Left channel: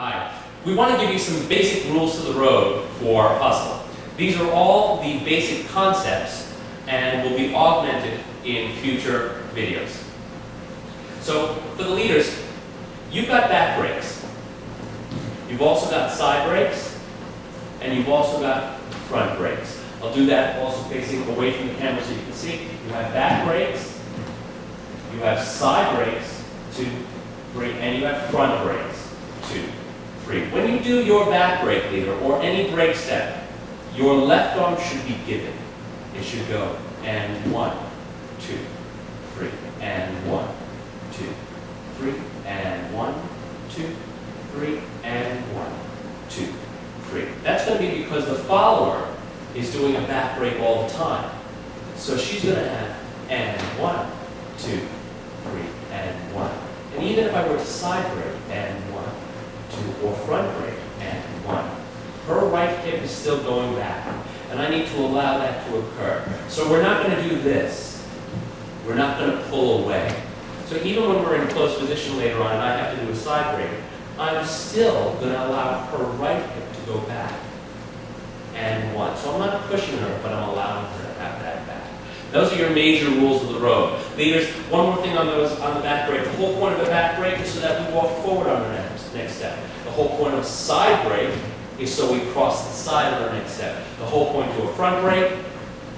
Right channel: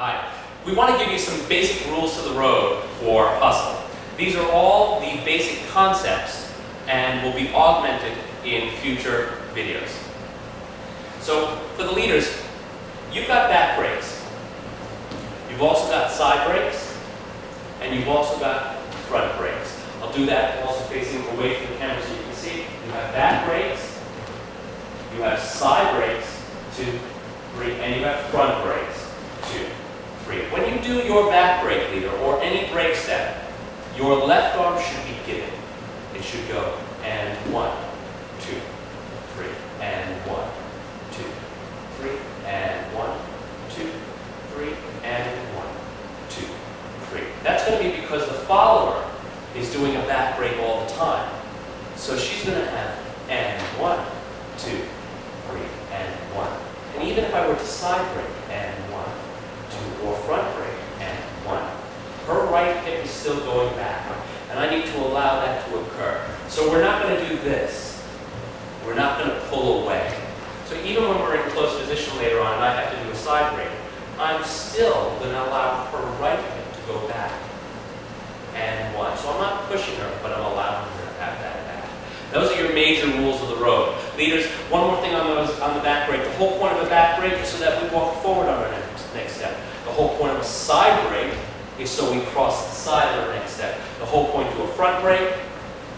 Hi. We want to give you some basic rules to the road for hustle. These are all the basic concepts and will be augmented in future videos. So for the leaders, you've got back brakes. You've also got side brakes, and you've also got front brakes. I'll do that also facing away from the camera so you can see. You have back brakes, you have side brakes, 2, 3, and you have front brakes, 2, 3. When you do your back brake, leader, or any brake step, your left arm should be given. It should go, and 1, 2, 3, and 1, 2, 3, and 1, 2, 3, and 1, 2, 3. That's going to be because the follower is doing a back brake all the time. So she's going to have, and 1, 2, 3, and 1. And even if I were to side brake, and 1, 2, or front brake, and 1, her right hip is still going back. And I need to allow that to occur. So we're not going to do this. We're not going to pull away. So even when we're in close position later on and I have to do a side brake, I'm still going to allow her right hip to go back. And 1. So I'm not pushing her, but I'm allowing her to have that back. Those are your major rules of the road. Leaders, one more thing on the back brake. The whole point of a back brake is so that we walk forward on our next step. The whole point of a side brake is so we cross the side of our next step. The whole point to a front brake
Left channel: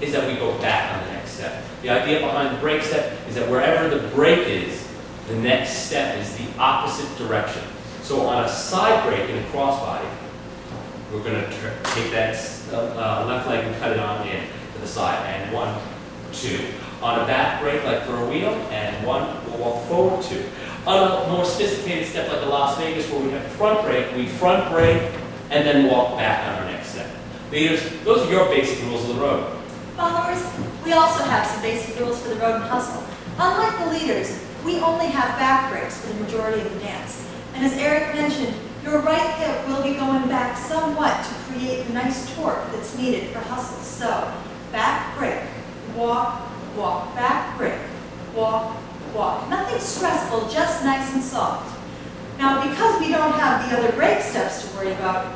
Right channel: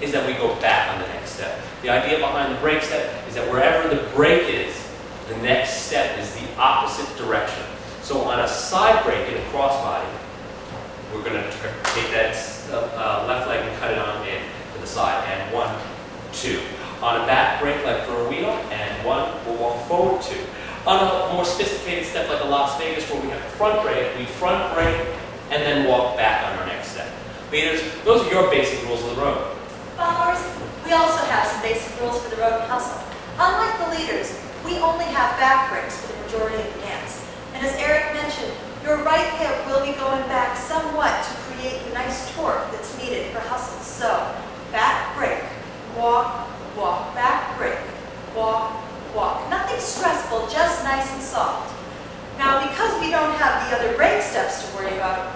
is that we go back on the next step. The idea behind the brake step is that wherever the brake is, the next step is the opposite direction. So on a side brake in a crossbody, we're going to take that left leg and cut it on in to the side. And 1, 2. On a back brake, like for a wheel, and 1, we'll walk forward 2. On a more sophisticated step like a Las Vegas where we have the front brake, we front brake and then walk back on our next step. Leaders, those are your basic rules of the road. Followers, we also have some basic rules for the road and hustle. Unlike the leaders, we only have back brakes for the majority of the dance. And as Erik mentioned, your right hip will be going back somewhat to create the nice torque that's needed for hustle. So, back brake, walk, walk, back brake, walk, walk. Nothing stressful, just nice and soft. Now, because we don't have the other brake steps to worry about,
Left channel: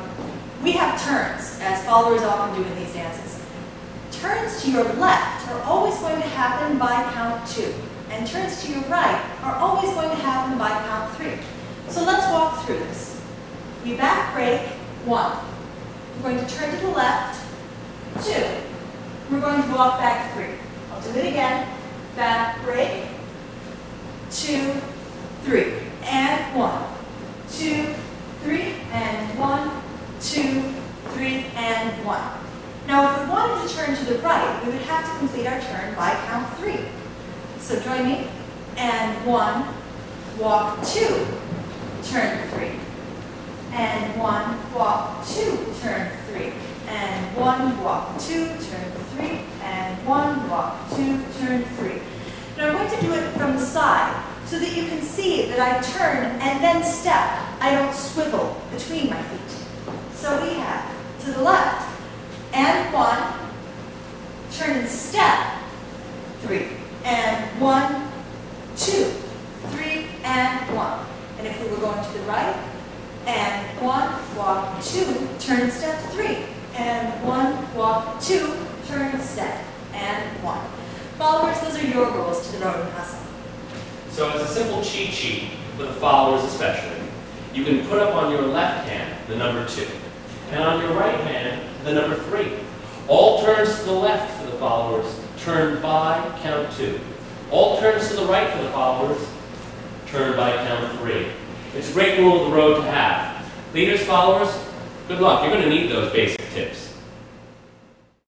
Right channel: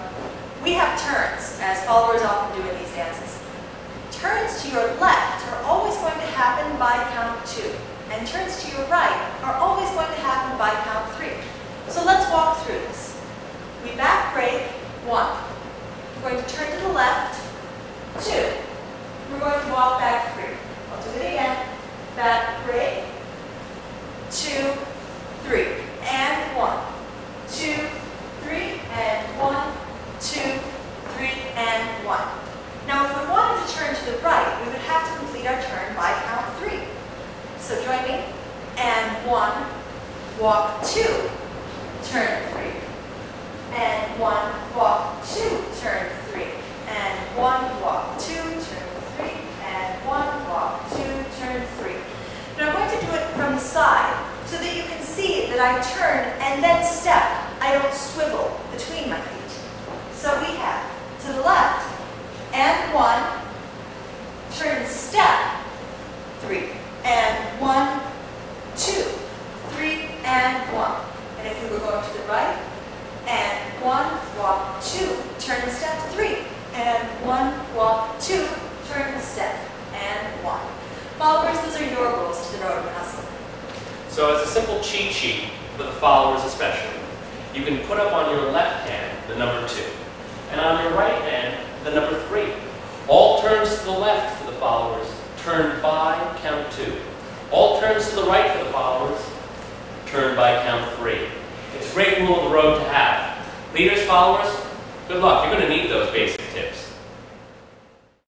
we have turns, as followers often do in these dances. Turns to your left are always going to happen by count 2, and turns to your right are always going to happen by count 3. So let's walk through this. We back brake, 1. We're going to turn to the left, 2. We're going to walk back 3. I'll do it again. Back brake, 2, 3, and 1, 2, 3, and 1, 2, 3, and 1. Now, if we wanted to turn to the right, we would have to complete our turn by count 3. So join me. And 1, walk 2, turn 3. And 1, walk 2, turn 3. And 1, walk 2, turn 3. And 1, walk 2, turn 3. Now I'm going to do it from the side so that you can see that I turn and then step. I don't swivel between my feet. So we have to the left, and 1, turn and step, 3, and 1, 2, 3, and 1. And if we were going to the right, and 1, walk 2, turn and step, 3, and 1, walk 2, turn and step, and 1. Followers, those are your rules to the road and hustle. So as a simple cheat sheet, for the followers especially, you can put up on your left hand the number 2, and on your right hand the number 3. All turns to the left for the followers, turn by count 2. All turns to the right for the followers, turn by count 3. It's a great rule of the road to have. Leaders, followers, good luck. You're going to need those basic tips.